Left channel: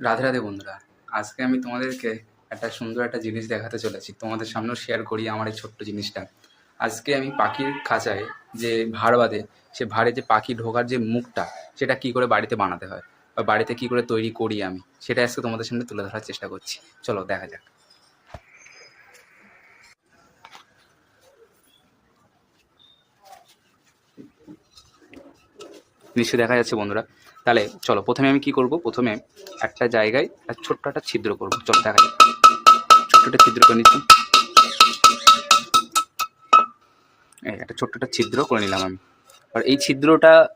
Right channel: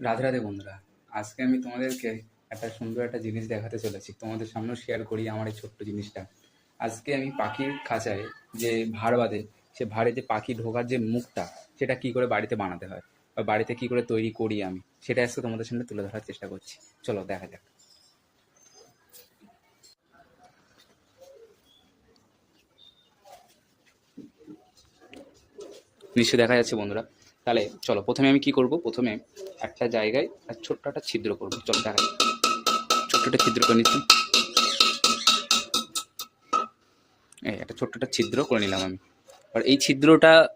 রাধে রাধে বন্ধুরা। আজকে আমি তোমাদেরকে একটা সুন্দর একটা জিনিস দেখাতে চলেছি। তোমাদের সামনেও শেয়ার করি আমার এই ছোট্ট জিনিসটা। আজকে আমি পাখির খাঁচায় যে ভাড় বাঁধে, সে ভাড়ে যে পাখি ঢোকার যে মুখটা, সেটা কি করে বাড়িতে বানাতে হয়? বা বাড়িতে কি করে তৈরি করি আমি? সেটা আজকে তোমাদের সামনে তুলে ধরার চেষ্টা করছি। চলো, দেখা যাক। নিশ্চয়ই দেখা যাচ্ছে বন্ধুরা। তাহলে চলো, প্রথমে আমি কি করব? প্রথমে একটা জায়গায় একটা ছোট্ট একটা ছিদ্র করব। চলো, দেখা ছোট্ট একটা ছিদ্র করে নিচ্ছি। এই একটা ছোট্ট একটা ছিদ্র করে নিলাম আমি। আর এই ছিদ্রটা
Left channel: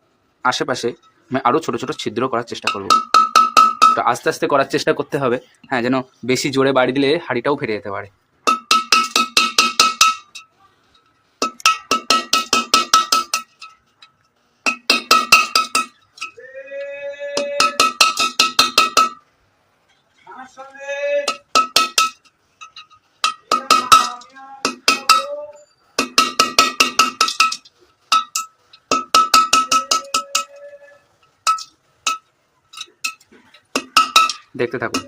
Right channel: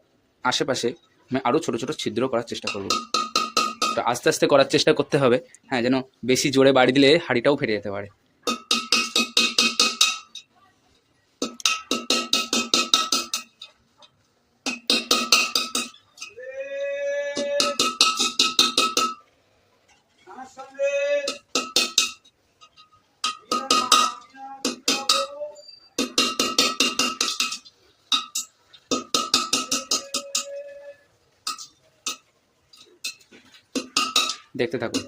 আশেপাশে আমি আরও ছোট ছোট ছিদ্র করার চেষ্টা করব। তো আস্তে আস্তে করার চেষ্টা করতে হবে হ্যাঁ যেন বেশি জোরে বাড়ি দিলে হাঁড়িটাও ফেটে যেতে পারে। দেখতে থাকুন।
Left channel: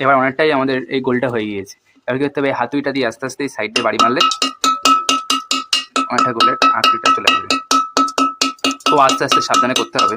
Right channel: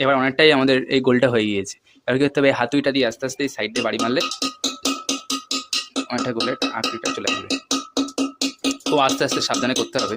এবার অনেকটাই আমাদের এই গোলটা হয়ে গিয়েছে। এবার কী করতে হবে? হাতুইটা দিয়ে আস্তে আস্তে এই সাইড বাড়ি মারলে অনেকটা গোলের আকৃতিটা চলে আসবে। খুব আস্তে আস্তে সাবধানে করতে হবে।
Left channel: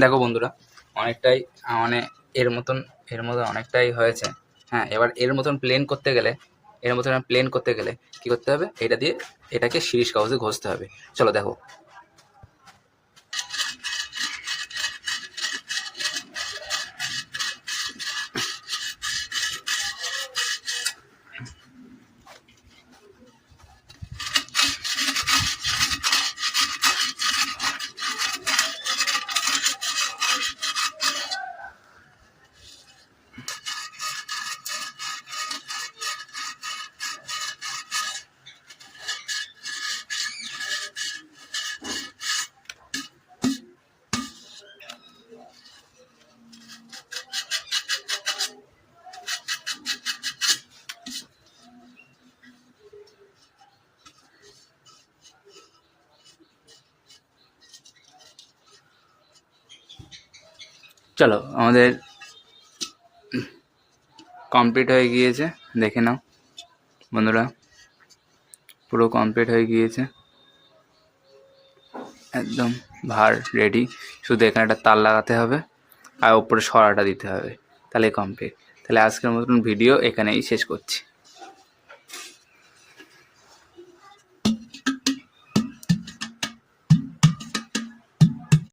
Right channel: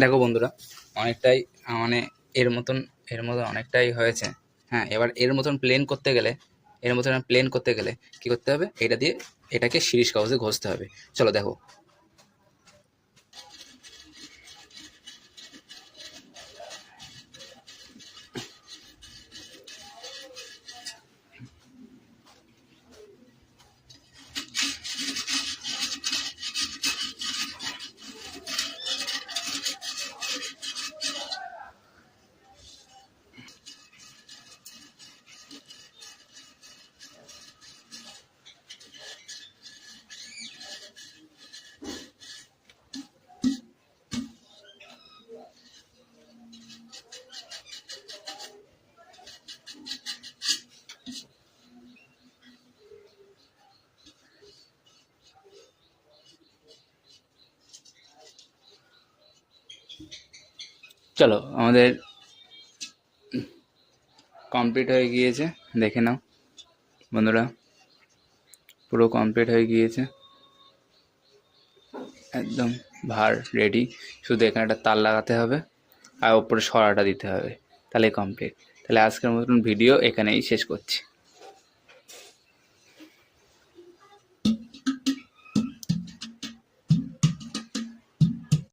দেখো বন্ধুরা, অনেকটাই মানে এর মতন, এর মতো অনেকটাই হয়েছে। হ্যাঁ এবার এর মতন প্লেন করতে গেলে, এর মতন প্লেন করতে গেলে কি করতে হবে? এটা দিয়ে এটাকে শিরিষ কাগজে ঘষতে হবে। চলো দেখো চলো, আমাদের কমপ্লিট হয়ে গিয়েছে, দেখে নাও। বন্ধুরা, পুরো কমপ্লিট হয়ে গিয়েছে। একদম ভার রেডি শুধু এখানে একটা তার লাগাতে হবে, আর ওপরে সরাটা দিতে হবে। তাহলে কমপ্লিট তাহলে আজকের মতন ভিডিও এখানেই শেষ করছি।